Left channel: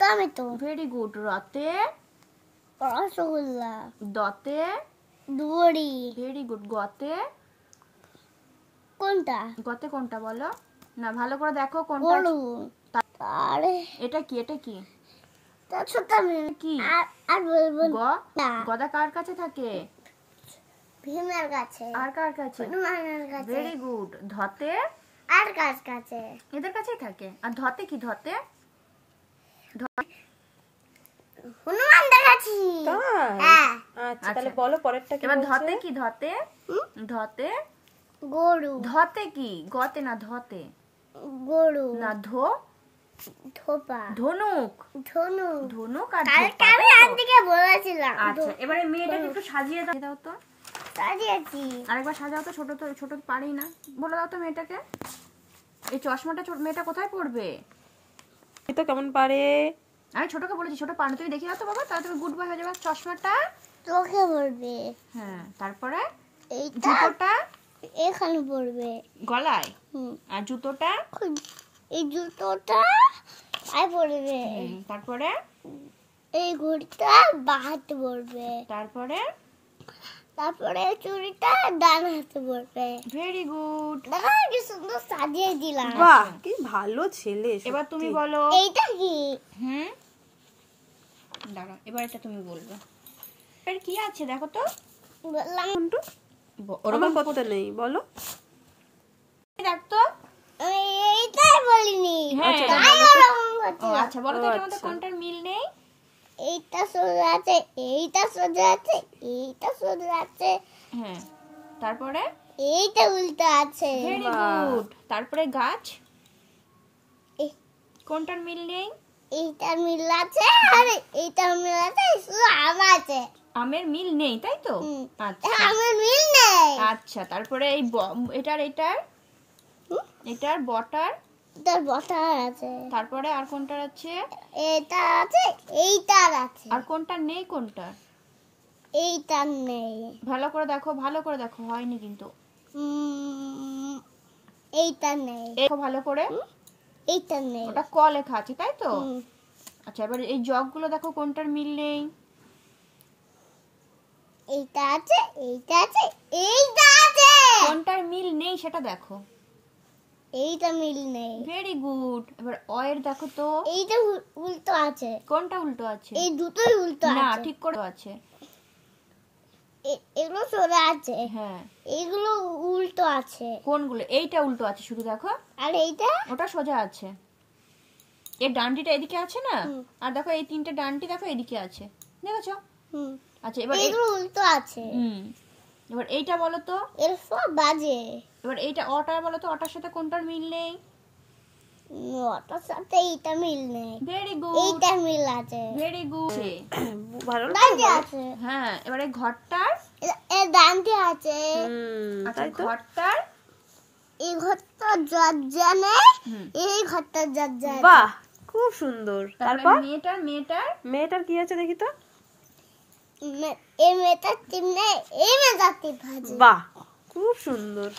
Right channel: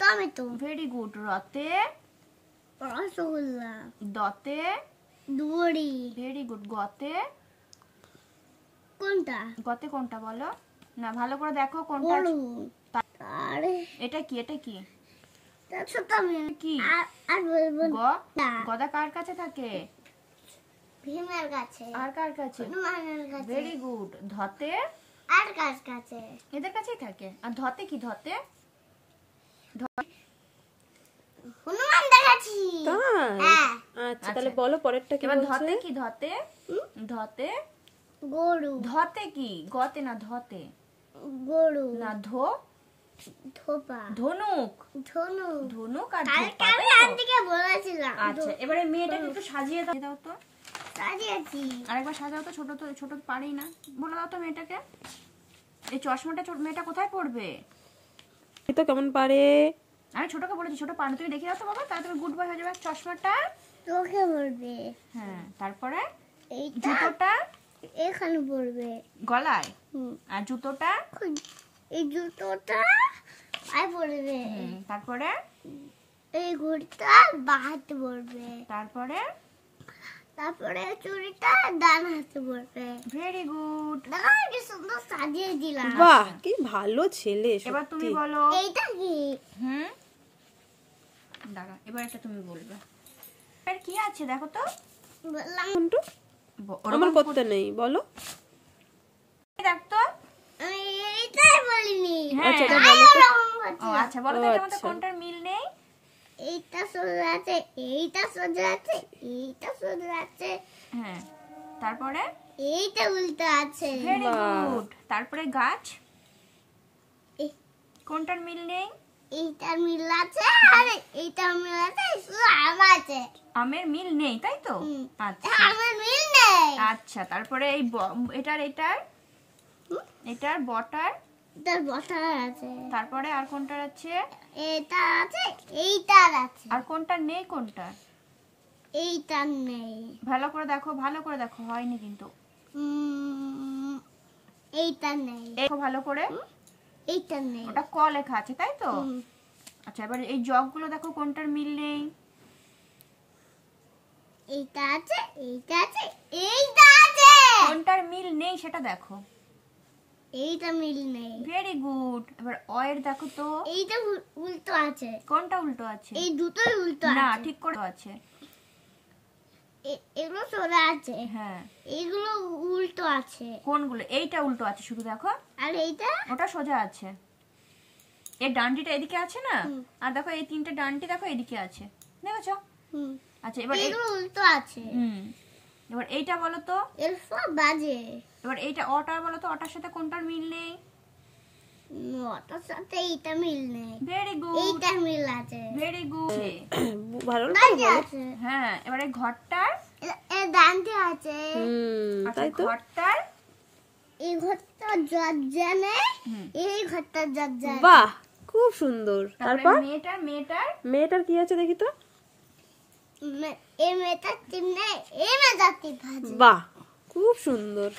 Tomato. Very good. রতে রসগোল্লা। দতে দড়ি। Very good. গতে কোনটা? গতে কোনটা বলো না, ভালো করে দেখো কোনটা। গরু। আরে এটা কি? এটা কি? তার সাথে আমি কি? আর বলবো না। গদা কার কাছে থাকে? ভীমের কাছে। আর কার কাছে? হনুমানের কাছে। Very good. ধতে আর কার কাছে? এদের কাছেই থাকে। আর ধতে কি? ধতে হনুমান দেখাচ্ছি। হ্যাঁ। আচ্ছা তাহলে বলো পরেরটা কি? এবার বলছে? ধতে কি? ধতে ধতে গরু। ধতে কি? গতে না, ধতে গরু না, ধো ধোপা। ধনুক। ধনু। ধনুক আর কালকে ধোপা, আমি তাই তো? আন্টিকে বলেছিলাম। আচ্ছা এবারে মেয়েটাকে একটু সাজিয়ে দাও তো। সাজিয়েছি। আরেকবার সাজাও তো, ছোট তো ছোট তো পারি না। বলে দাও তো মেয়েটাকে। এই চশমাটা মেয়েটা কোথায় পড়বে? তো কেমন পারে? আমি ছোটকে বলেছি ছোট পারে, তুমি দেখে দাও তো বাবা, তাহলে তুমি গুড বয় হয়ে যাবে। চশমাটা চোখে পড়বে। হ্যাঁ, তারপরে এইটা জুতোটা এখানে পড়বে গলায়, আর জুতোটা এই জুতোটা আই পড়বে। তারপরে এই ঘড়িটা বাঁ হাতে পড়বে। তারপরে তারপরে চুড়িটা ডান হাতে পড়বে। Very good. দেখো কি সুন্দর সাজিয়ে দিলাম। বাহ কি ভালো ছেলে। এবার তুমি বলো। এইটা কি? দাঁড়া, এবার এটা তুমি বলবে। এর কি আছে দেখো তো। বললাম ওরকম করতে নেই, বলো। দেখ তো। এইটাই বলিনি। আচ্ছা আচ্ছা বলো তো, এটার মধ্যে কোনটার মিল নেই? এইটা সোজা আছে, এইটা সোজা আছে, এইটা সোজা আছে। হ্যাঁ, তারপরে এইটা উল্টো আছে। Very good. তারপরে গাছ, কোনটার মিল নেই? এইটার মিল আছে আর এইটার মিল আছে, শুধু আম আছে। আমের মিল নেই, তাই তো? আচ্ছা আমের মিল নেই। আচ্ছা, তারপরে এই এটার বটার, এটার বটার আছে। তারপরে আর কোনটার আছে? এটার আছে, এইটার আছে। আর কোনটার নেই? কোনটার? এইটার নেই। ভালো করে দেখো, ভালো করে দেখো, হয়নি কিন্তু। এইটার নেই। দেখো ভালো করে। এইটার নেই। ওটা ক লেখা আছে, তাই তো? আচ্ছা এবার এই জগগুলো দেখো, কোনটার মিল নেই? এইটা আছে, এইটা আছে, এইটা আছে। কোনটার মিল নেই সেটা দেখো। এইটা মিল নেই। Very good. এবার অয়ের দেখো তো। এইটা উল্টো আছে। কোনটা উল্টো আছে? এই দুটোই উল্টো আছে। না, ঠিক করে আছে। এগুলো সোজা আছে। হ্যাঁ, এইগুলো উল্টো আছে। কোনগুলো? এইটা উল্টো আছে শুধু দেখো। আর এইটা ওটা সোজা আছে। এর ডান্ডিটা এদিকে আছে না, আর দেখো এই তিনটে ডান্ডি দেখো এদিকে আছে, দেখেছো? আচ্ছা এবার এগুলো উল্টো আছে। এবার এইটা বলো তো। এর সব বাজে। এবার এইটা অটা বলো তো, অটার সাথে কোনটার মিল নেই? ওটার সাথে এইটা মিল নেই। Very good. এইটা মিল আছে। Very good. ভালো ডান্ডি আছে। হ্যাঁ, এবারে ঘরটার এর ডান্ডি আছে। আচ্ছা ঘরটার এই ঘরটা দরজা নেই, এই ঘরটা দরজা আছে। বাহ খুব সুন্দর। তারপর তারপর মেয়েটার কি আছে দেখি তো। এই মেয়েটার টিম নেই, এই মেয়েটার টিম আছে। বাহ খুব সুন্দর।